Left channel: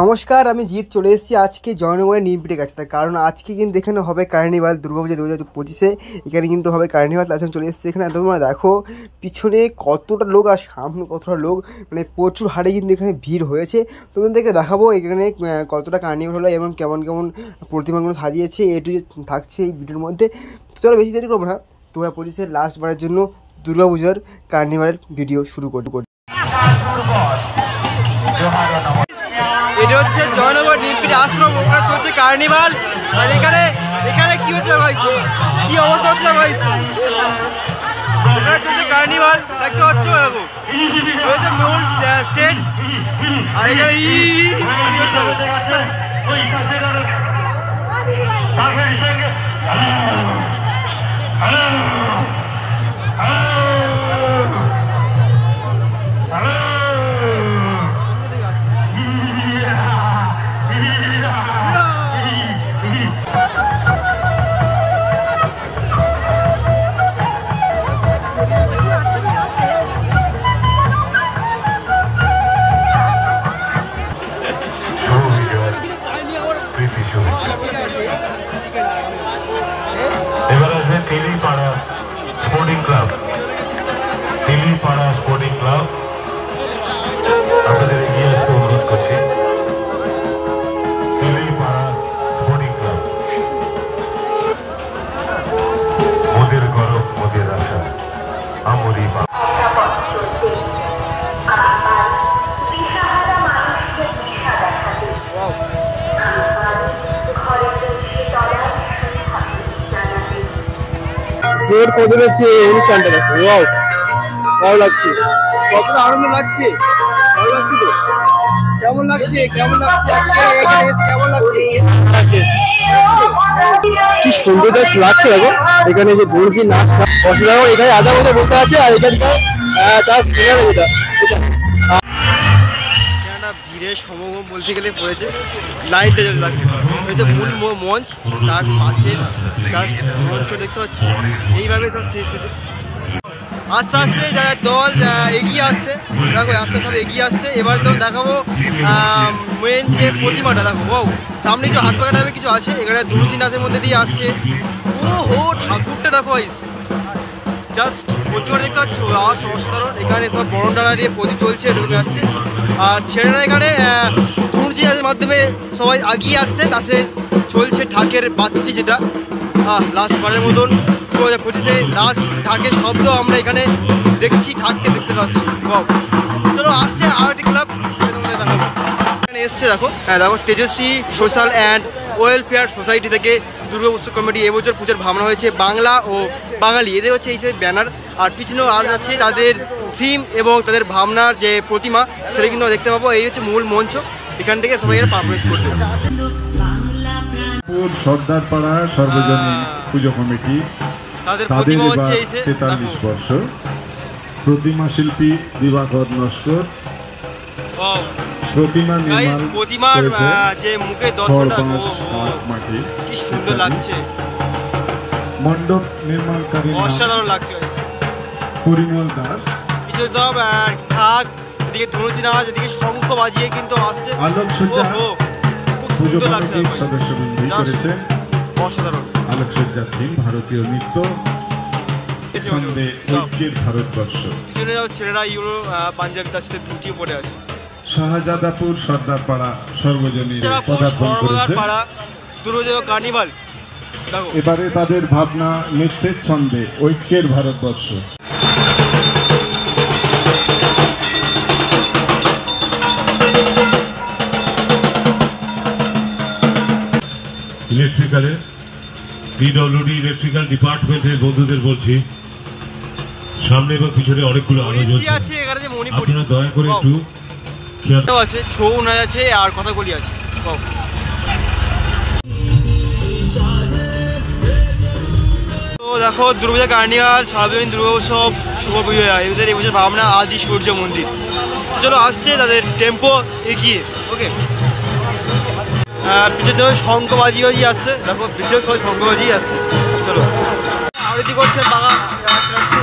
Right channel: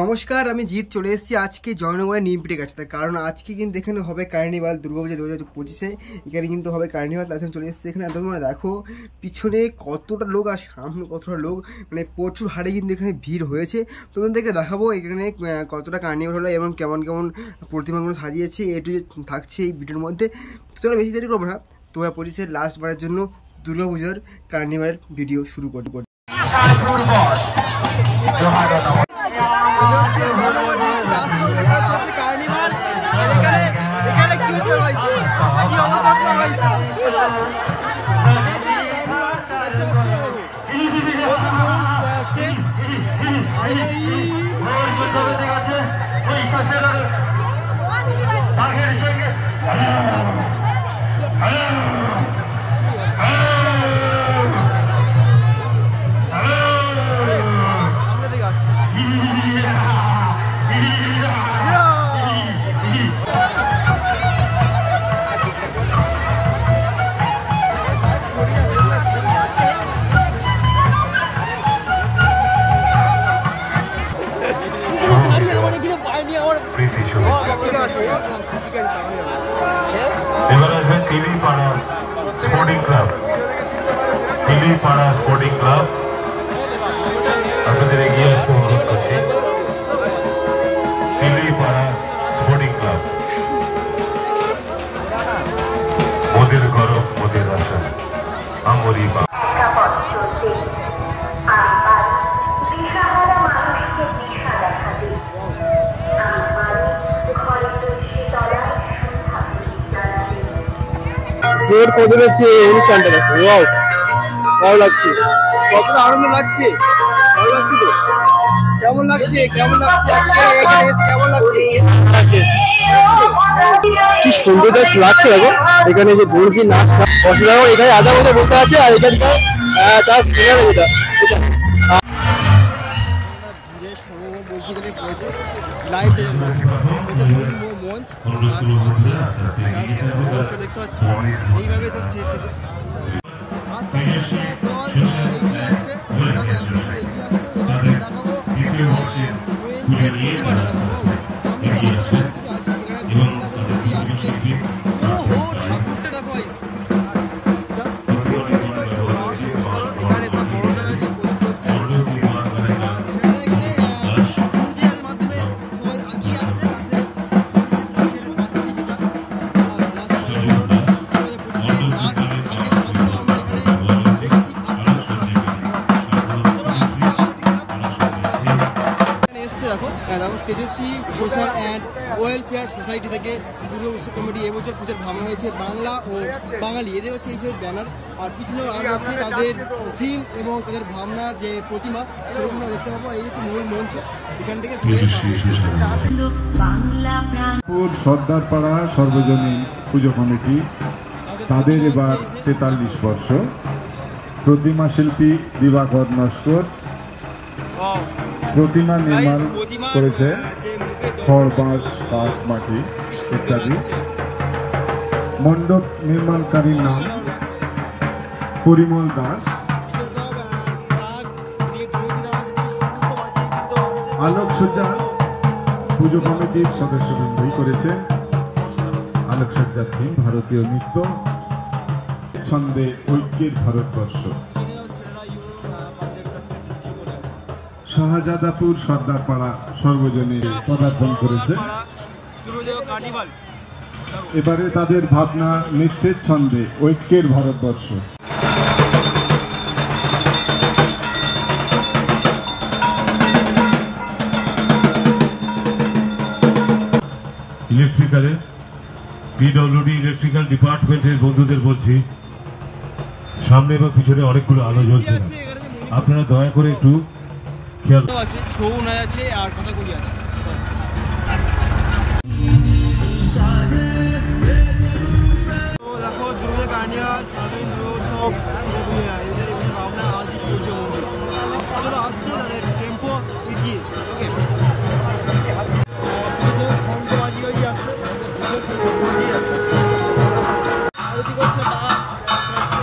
নমস্কার, আমি জিৎ চলে এসেছি আজকে জয়নগরের নিমপিটের কাছে। তার কারণ আজকে কিন্তু এখানে হবে কার্নিভাল দুর্গাপূজা 2025-এ। এখানে কিন্তু হবে কার্নিভাল। তার জন্য চলে এসেছি এখানে। তোমরা দেখো পিছনে কতটা লোক আর সামনে কতটা লোক, মানে প্রচুর হারে কিন্তু এখানে ভিড় হয়েছে। তোমাদেরকে দেখাবো এখানে কতটা কার্নিভাল হলো এবং কেমন কেমন প্রতিমাগুলো সাজিয়েছে, এটু থাকছে এই ভিডিওর মধ্যে। তো চলো বেশি দেরি করবো না, 2025-এর লাস্টবারের জন্য দুর্গাপূজার কার্নিভালের ভিডিও শুরু করি। এটা হচ্ছে জয়নগর নিমপিট আশ্রম, ওখানে চলছে কার্নিভাল। আর এখানে কি হচ্ছে ভাই, কি অবস্থা হচ্ছে ভাই, ওখানে চলছে কার্নিভাল দেখতে পাচ্ছ। দেখো হয়েছে মূল স্টেজ, আর এখানে এবার আসবে Tilipara sporting club. Tilipara sporting club আপনাদের এগিয়ে আসতে অনুরোধ করছি। তিলিপাড়া স্পোর্টিং ক্লাব, মোদের গরম মোদের আশা আমরি জোর কত রয়েছে অনুষ্ঠানটা দেখো। ওয়াও, ভালো লাগছে, কতটা আনন্দ লাগছে, ভালো লাগছে তো। কেমন লাগছে কেমন লাগছে কেমন লাগছে, কি সুন্দর জাস্ট লাগছে। দেখো এখানে যে দর্জি নাচ অসাধারণ, এখানে আধা মধ্যে বসে আছে। আর এখানকার তার যেটা ভিড়ের সমাগম বলতে গেলে পড়েছে লাইটটা যেটা লাগবে মূল মঞ্চ, তার পাশে জাস্ট মঞ্চ দেখতে পাচ্ছি। এইভাবে জাস্ট এসেছে আস্তে আস্তে যারা দল এগিয়ে আসছে। দেখো আস্তে আস্তে এগিয়ে আসছে। এবার তো দেখাবো মেন যে প্রতিমাটা। দেখো ও সামনে যে হাত পাকা টাইপের কিছু আছে, এখানে দুলুচি নাচের মধ্যে দিয়ে আসছে। ও হো ঠাকুরটা দেখো আইস, জাস্ট প্রচুর দেখতে পাচ্ছ অসাধারণ। এখানে সব বড় ডালা দিয়ে প্রদীপ চলছে, ঢুকে আসছে। আর ছেলেরা এখানে দুলুচি নাচের মাধ্যমে সবাই এগিয়ে আসছে। তাতে চলছে ঢাকের বাতি, যেটা লাস্ট বারের মতন 2025-এ লাস্ট ঢাকের শব্দ আমরা এখানে দেখছি, ঢাককে দেখতে পাচ্ছি। চলো আসছে আর একটি ক্লাব এখানে এসছে। দেখো দেখো তেজস্বী সোশ্যাল অ্যান্ড ওয়েলফেয়ার সোসাইটি থেকে দুর্গা উৎসব কমিটি এবছর পুজোর ভাবনা হয়েছে বাংলা ও বাঙালি, এদের হচ্ছে এই সব ব্যানার। আর পিছনেও আর যাচ্ছে তাদের থিম এবং তাদের ভাবনার যে প্রতিমা, সেটা কিন্তু দেখতে পাবো। এই হচ্ছে মূল মঞ্চ, এখান থেকে সবাই এর পারফরমেন্স করবে। সর্দারপাড়া সর্বজনীন পুজো কমিটি, তাদের এবার 43 বর্ষ। প্রতিমা শিল্পী দিবাকর নস্কর প্রতিমা নির্মাণ করেছে, মাটি কি সুন্দর লাগছে। মণ্ডপ নির্মাণকারী অসাধারণ লাগছে। পরিমল দাস কিছু সব ঢাক দিকে ধুনুচি নাচ, এদিকে শঙ্খ বাজিয়ে কিন্তু আসছে। আলোকসজ্জা পুজো কমিটির সদস্যবৃন্দই করেছেন। অসাধারণ আলোকসজ্জার থিম ভারতীয় নৃত্য, ছন্দে ঐক্যের ভারতবর্ষ। পিছনে ছেলেরা ইউরো পাঞ্জাবি তার সাথে ধুতিও পরে আছে। শাহজাদাপুর সর্দারপাড়া সর্বজনীন পদার্পণ করেছে। কার্নিভাল এবারে তাদের ভাবনা নৃত্যের ছন্দে ঐক্যের ভারতবর্ষ। ইলেকট্রিক্যালের পিডব্লিউডি ইলেকট্রিক্যাল ডিপার্টমেন্টের বন্ধুদের বলছি, সামনে এবং পিছনে অনেকগুলো আলো জ্বলছে, আপনারা দয়া করে একটু খেয়াল আছে। ছৌ নাচ আছে আর কথাকলি আছে। তো দেখো দুর্গাপূজা কার্নিভাল সার্বজনীন দুর্গা উৎসব শুভ বিজয়া, এদের এবছর ভাবনা আদি সূর্য মন্দির। তো চলো আসছে তাদের টেম্পো এগিয়ে। ওকে, পিছনে শঙ্খবাজি আসছে। দেখো বিশেষ সবাই শঙ্খবাজি আসছে। চলো আরতি করছে বাবা চালাচ্ছে।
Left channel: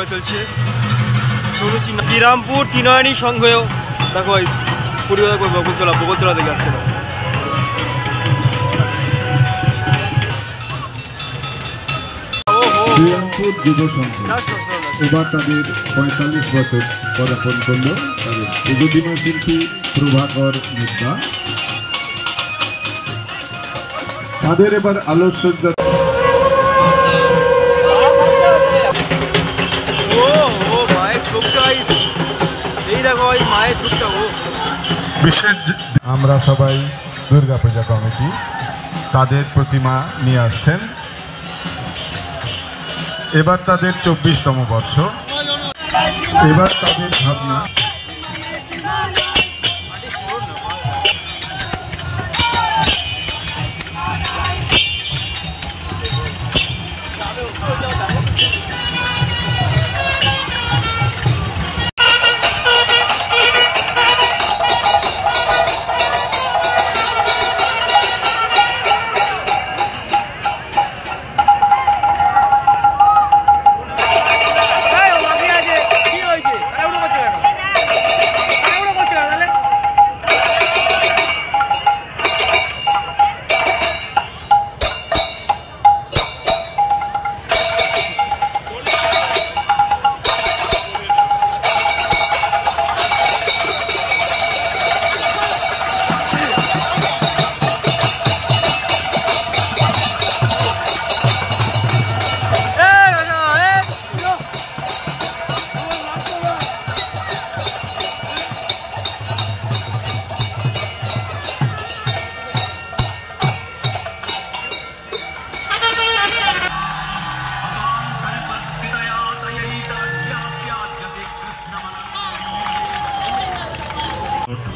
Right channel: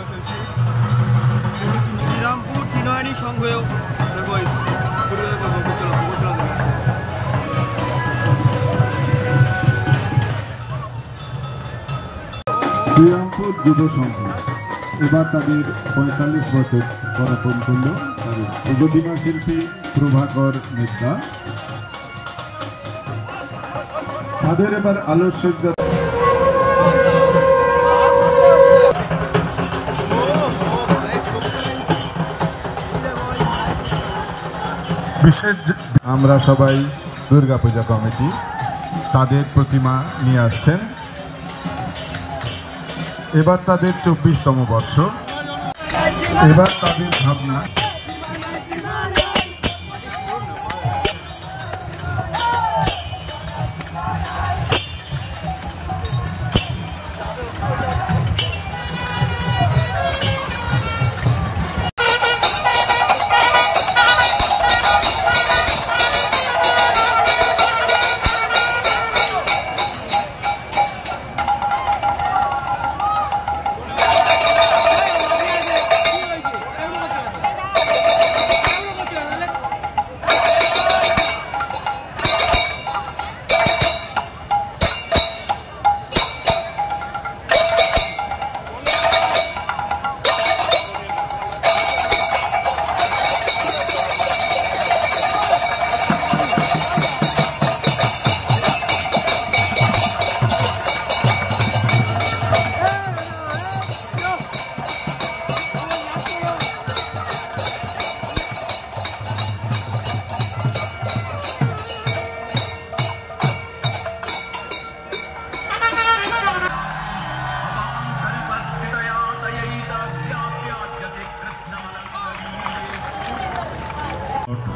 পুজো চলছে শ্রীরামপুর টিনারানী সংঘেও দেখো পরিবার বগলতলা থেকে আসছে। শ্রীরামপুর যুব সংঘ এবার তাদের 45 বছর পদার্পণ করল। তাদের প্রগতিমা শিল্পী প্রভাকর মিত্রা, তাদের এবার আলোকসজ্জা। আমরা সবাই দুর্গাপূজা কমিটি তাদের প্রতিমা নিয়ে আসছেন। এবার তাদের 24তম বর্ষ। এবার তাদের ভাবনা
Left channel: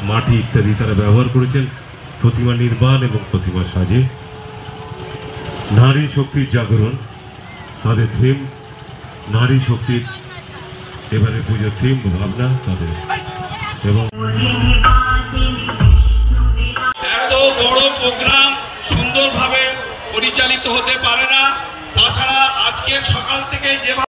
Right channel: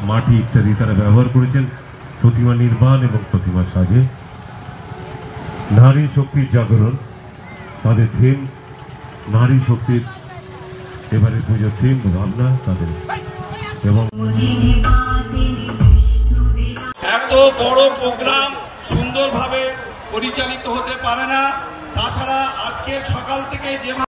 মাটি ইত্যাদি তারা ব্যবহার করেছেন প্রতিমা নির্মাণ এবং প্রতিমা সাজে। নারী শক্তির জাগরণ তাদের থিম, নারী শক্তির এবারে পুজোর থিম ভাবনা তাদের। এবং এত বড় প্রোগ্রাম সুন্দরভাবে পরিচালিত হতে পারে না। তাছাড়া আজকের সকাল থেকে যেভাবে